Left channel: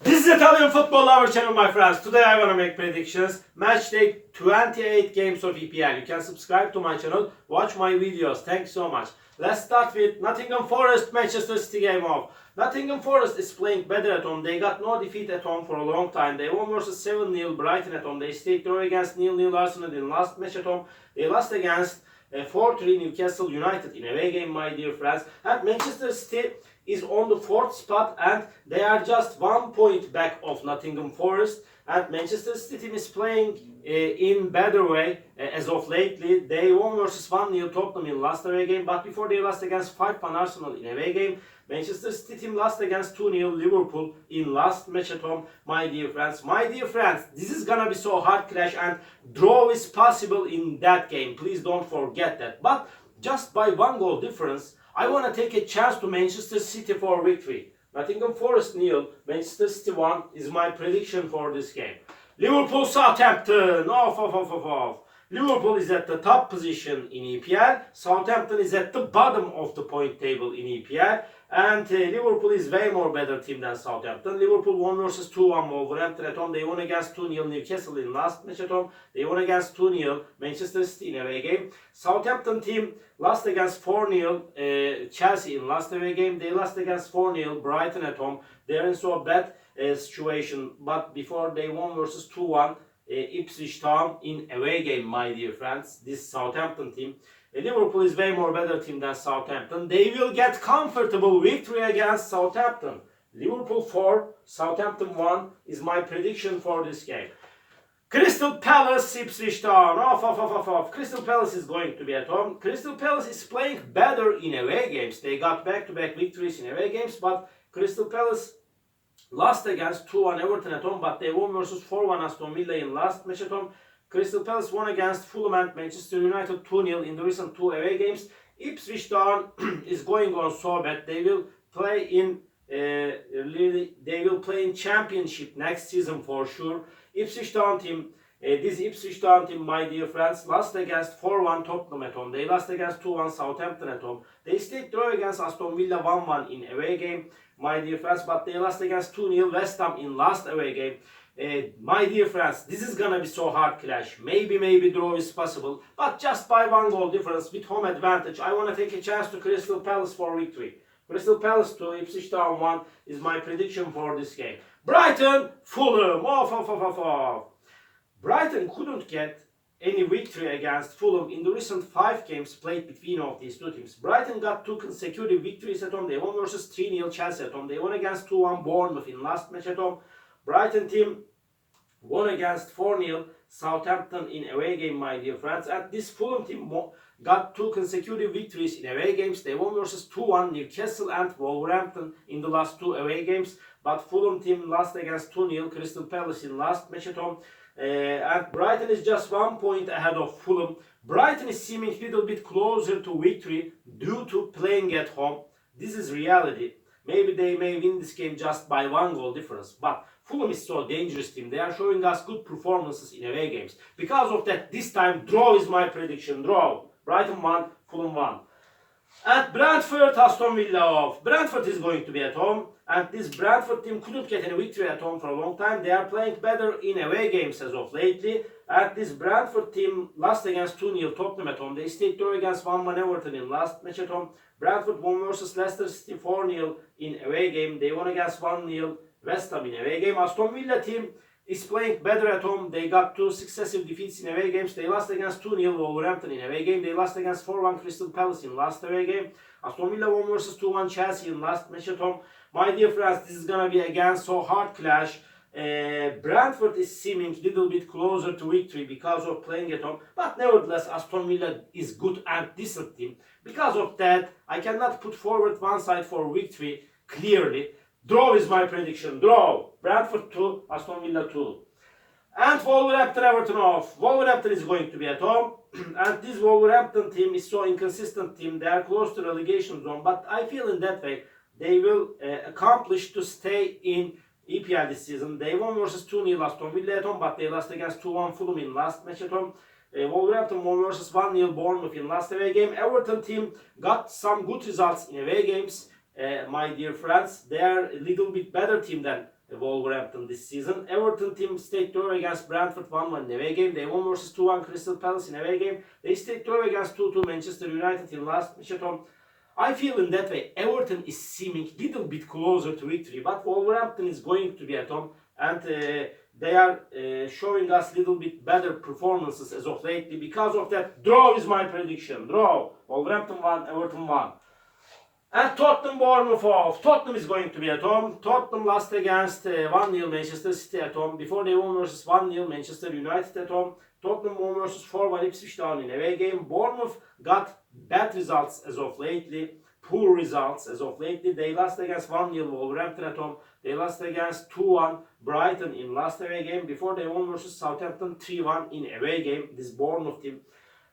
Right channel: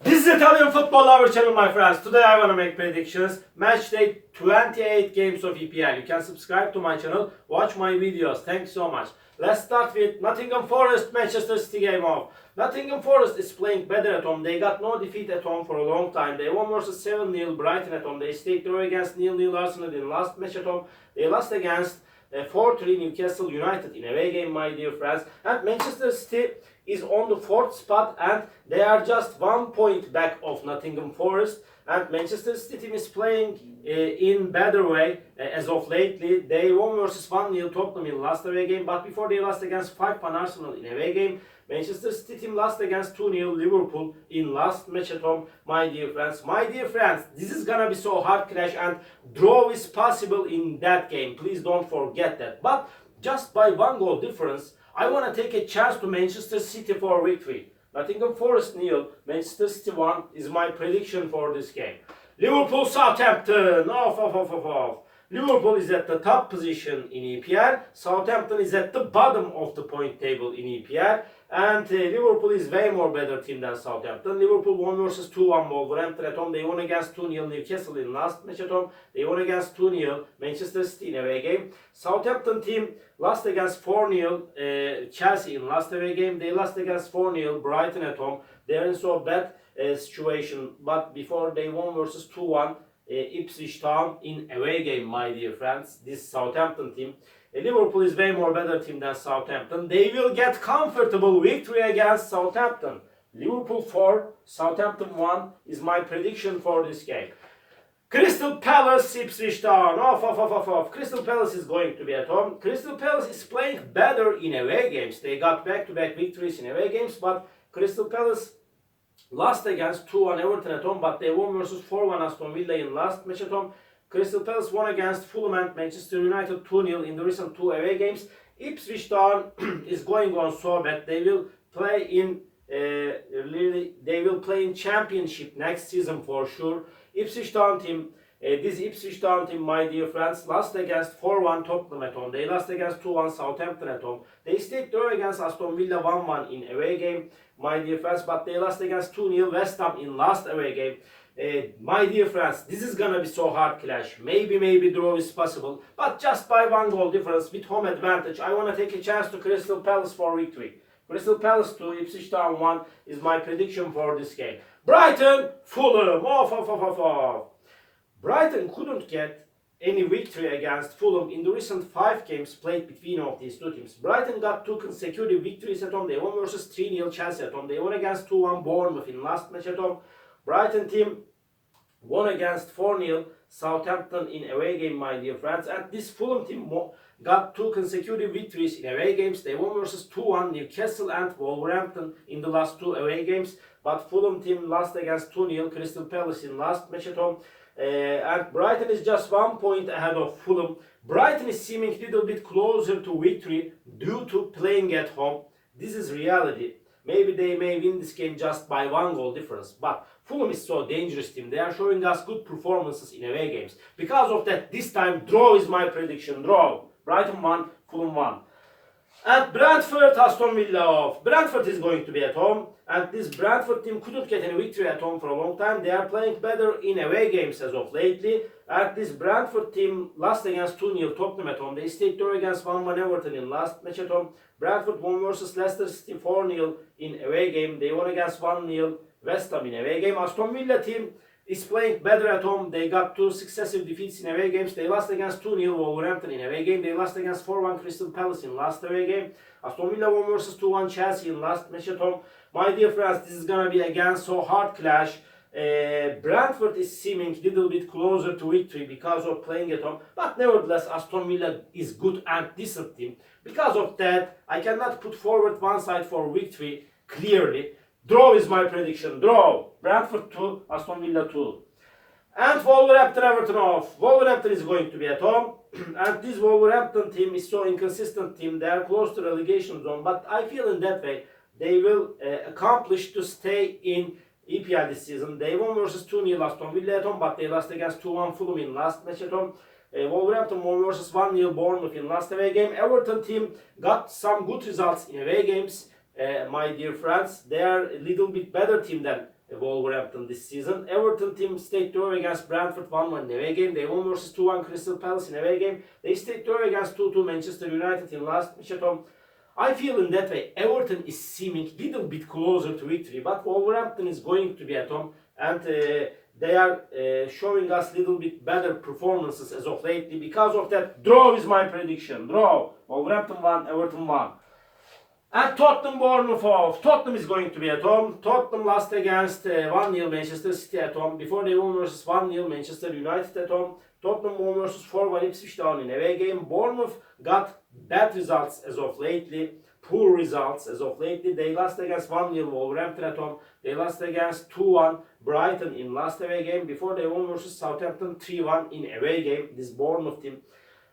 This is Italian football lover channel, my friends. Today I want to make predictions. Match day 28 games of EPL. You can subscribe to my channel, watch my videos. Thanks so much. Let's start with Nottingham Forest Manchester City game off. Nottingham Forest is playing better at home. They got no defeat at home for a long time. They won versus 7-0 Brighton at home. They stayed draw against 0-0 Arsenal in last match at home. They lost against 4-3 Newcastle United in away game, my dear friends. And Manchester City is on the 4th spot and they are just 1 point back of Nottingham Forest. And Manchester City team is playing in better way as of lately. They won versus 1-0 Tottenham in last away game, but before they lost against 5-1 Arsenal in away game. Manchester City team lost against 2-0 Liverpool in last match at home, my dear friends. My dear friends, this is gonna be so hard clash and draw is possible in that game. Please don't forget that. But just by 1 goal difference, I want to take a chance to Manchester City for victory. Nottingham Forest 0, Manchester City 1 is my prediction for this game. Liverpool Southampton, off. Liverpool is at the top position in EPL. Southampton is at the bottom of the point table in EPL. And Liverpool is way more better team than Southampton. Liverpool won versus 2-1 Wolverhampton at home. They won against 2-0 Newcastle in last match at home. They won against 2-0 Manchester City in away game. Southampton team lost against 4-0 Chelsea in last away game. They lost against 4-0 Brighton at home. They are in so bad situation. But before they won versus 2-1 Ipswich Town in away game, my dear friends. This Southampton team. Liverpool is way more better team than Southampton. They will get comfortable victory against Southampton. Liverpool 4, Southampton 1 is my prediction for this game. Crystal Palace, Ipswich Town. Off. Crystal Palace is going to be at home. Crystal Palace is playing better in away games. They got back-to-back victories in away games, but Crystal Palace lost against 2-1 Everton at home, but they won versus 4-1 Aston Villa in last match at home. Crystal Palace won against Fulham and Manchester United 2-0 in the recent 2 away games. Ipswich Town is going on so bad. They will play in Championship next season for sure. Ipswich Town team, my dear friends, lost against 4-1 Tottenham at home. They lost against 2-1 Southampton at home. They stayed draw against Aston Villa 1-1 in away game, my dear friends, but they lost against 2-0 West Ham in last away game. My dear friends, this is gonna be so hard clash. Maybe draw is possible, but just by 1 goal difference with home advantage, I want to take a chance to Crystal Palace for victory. Crystal Palace 2, Ipswich Town 1 is my prediction for this game. Brighton, Fulham, off. Brighton couldn't get any victory against Fulham in the recent 5 games played between of these two teams. Brighton got 2 consecutive victories at home. They won versus 3-0 Chelsea at home. They won against 2-1 Bournemouth in last match at home. Brighton team won against 4-0 Southampton in away game, my dear friends. And this Fulham team got 2 consecutive victories in away games. They won versus 2-1 Newcastle and Wolverhampton in the last 2 away games. But Fulham team lost against 2-0 Crystal Palace in last match at home. And Brighton is just 1 point ahead of Fulham. Brighton is seeming a little bit closer to victory due to playing at home. This is reality. Maybe they may win this game just by 1 goal difference. But Fulham is so dangerous team. They are showing us good performances in away games. Because of that, this time draw is my prediction. Draw. Brighton 1, Fulham 1. And Brentford, Aston Villa off. Brentford is going to be at home. And this Brentford team couldn't get any victory at home for a long time. They are playing better in away games as of lately. And this Brentford team lost against 2-0 Tottenham at home. They stayed draw against 1-1 Everton in last match at home. Brentford won versus Leicester City 4-0 in away game. They won against 1-0 West Ham in away game. Aston Villa team is playing better at home. They got 2 successive defeats in away games. They lost against 2-0 Wolverhampton in away game. They lost against 4-1 Crystal Palace in last away game. Aston Villa won versus 2-1 Chelsea in last match at home. My dear friends, this is gonna be again so hard clash. Brentford is seeming a little bit closer to victory because of playing at home. But nevertheless, Aston Villa is good and decent team. Because of that, I cannot put forward one side for victory clearly. Draw is my prediction. Draw. Brentford 2, Aston Villa 2. And Wolverhampton Everton off. Wolverhampton is going to be at home. And this Wolverhampton team is so inconsistent team. They are close to relegation zone. But I feel in that way they will accomplish to stay in EPL this season. They won versus 2-0 Aston Villa at home, but they lost against 2-1 Fulham in last match at home. Wolverhampton won versus 1-0 Bournemouth in last away game. Everton team got some good results in away games. My dear friends, they are a little bit better team than Wolverhampton this season. Everton team stayed draw against Brentford 1-1 in away game. They won versus 2-1 Crystal Palace in away game. They stayed draw against 2-2 Manchester United in last match at home. I feel in that way Everton is seeming a little bit closer to victory, but Wolverhampton is going to be at home, and they are showing us a little bit better performances as of lately. Because of that, draw is my prediction. Draw. Wolverhampton 1, Everton 1. And Tottenham Bournemouth off. Tottenham is going to be at home. Tottenham lost against 1-0 Manchester City at home. Before they won versus 1-0 Manchester United at home. Tottenham won versus 4-1 Ipswich Town in away game. Bournemouth got bad results as of lately. Poor results as of lately. They lost against 1-0 Wolverhampton at home. They lost against 2-1 Brighton in last away game. Before they won versus Southampton 3-1 in away game. This Bournemouth team.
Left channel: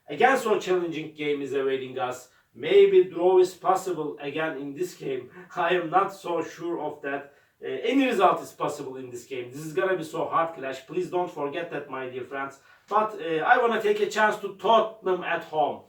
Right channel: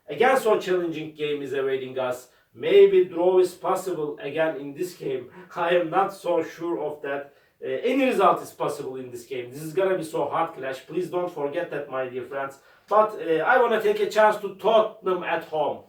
Again, so challenging game is awaiting us. Maybe draw is possible again in this game. I am not so sure of that. Any result is possible in this game. This is gonna be so hard clash. Please don't forget that, my dear friends. But I want to take a chance to Tottenham at home.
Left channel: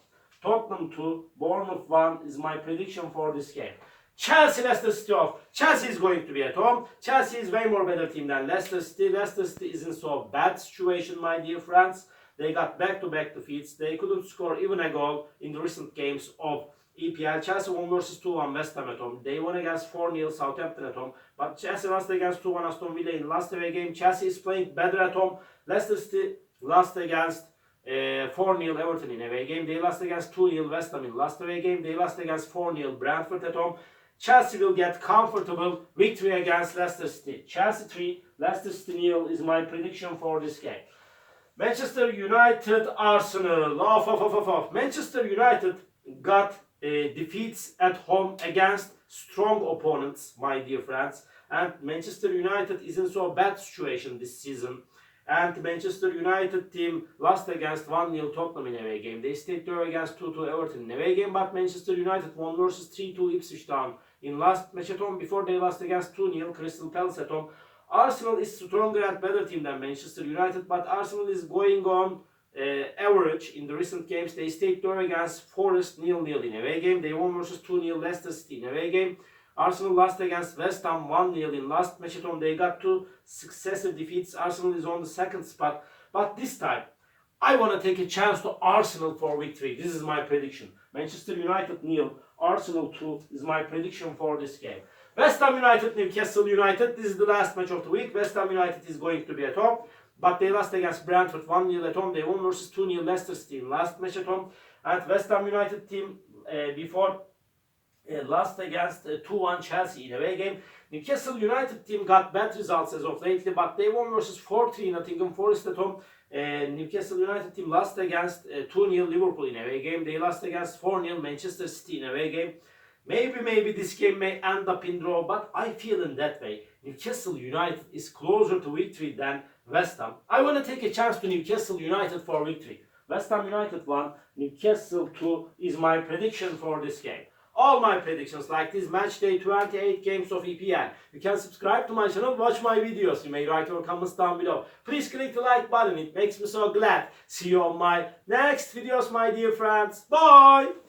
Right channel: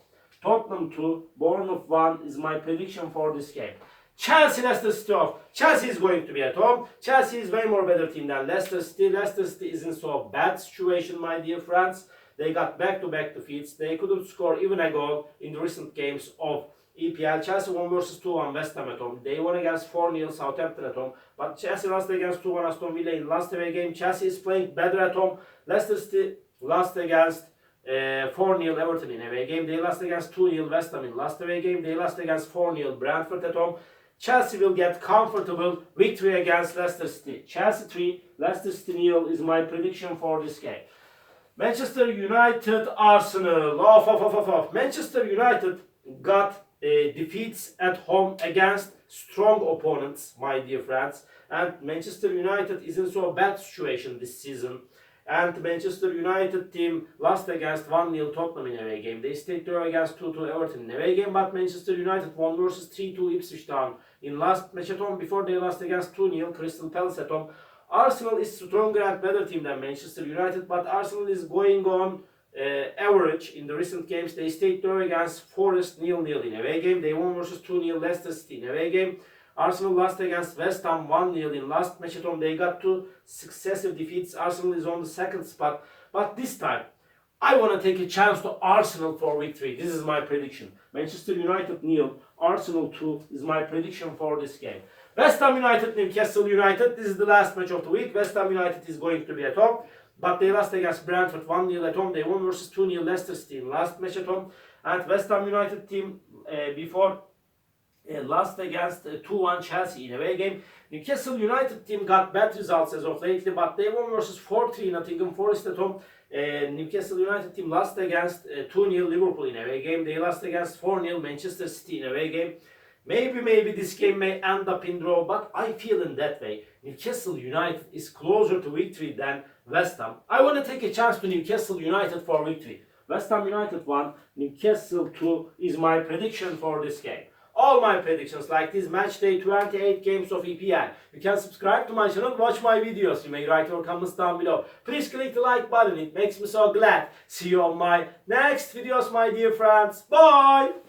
Tottenham 2, Bournemouth 1 is my prediction for this game. Chelsea, Leicester City off. Chelsea is going to be at home. Chelsea is way more better team than Leicester City. Leicester City is in so bad situation, my dear friends. They got back-to-back defeats. They couldn't score even a goal in the recent games of EPL. Chelsea won versus 2-1 West Ham at home. They won against 4-0 Southampton at home. But Chelsea lost against 2-1 Aston Villa in last away game. Chelsea is playing better at home. Leicester City lost against 4-0 Everton in away game. They lost against 2-0 West Ham in last away game. They lost against 4-0 Brentford at home. Chelsea will get comfortable victory against Leicester City. Chelsea 3, Leicester City 0 is my prediction for this game. Manchester United, Arsenal. Off. Manchester United got defeats at home against strong opponents, my dear friends. And Manchester United is in so bad situation this season. And Manchester United team lost against 1-0 Tottenham in away game. They stayed draw against 2-2 Everton in away game. But Manchester United won versus 3-2 Ipswich Town in last match at home. Before they lost against 2-0 Crystal Palace at home. Arsenal is stronger and better team than Manchester United, but Arsenal is going on average in the recent games. They stayed draw against Forest 0-0 in away game. They won versus 2-0 Leicester City in away game. Arsenal lost against West Ham 1-0 in last match at home. They got 2 successive defeats. Arsenal is on the second spot, but this time I want to take a chance to Arsenal for victory. This is my prediction. Manchester United 0, Arsenal 2 is my prediction for this game. West Ham United, Newcastle United. This is the last match of the week. West Ham United is going to be at home. But they lost against Brentford 1-0 at home. They won versus 2-0 Leicester City in last match at home. And West Ham United team before lost against 2-1 Chelsea in away game. Newcastle United team got bad results as of lately. But they won versus 4-3 Nottingham Forest at home. Newcastle United team lost against 2-0 Liverpool in away game. They lost against 4-0 Manchester City in away game. Maybe this game may end up in draw, but I feel in that way. Newcastle United is closer to victory than West Ham. I want to take a chance to Newcastle United for victory. West Ham United 1, Newcastle 2 is my prediction for this game. All my predictions like this match day 28 games of EPL. You can subscribe to my channel, watch my videos. You may write your comments down below. Please click the like button, it makes me so glad. See you on my next videos, my dear friends. Bye!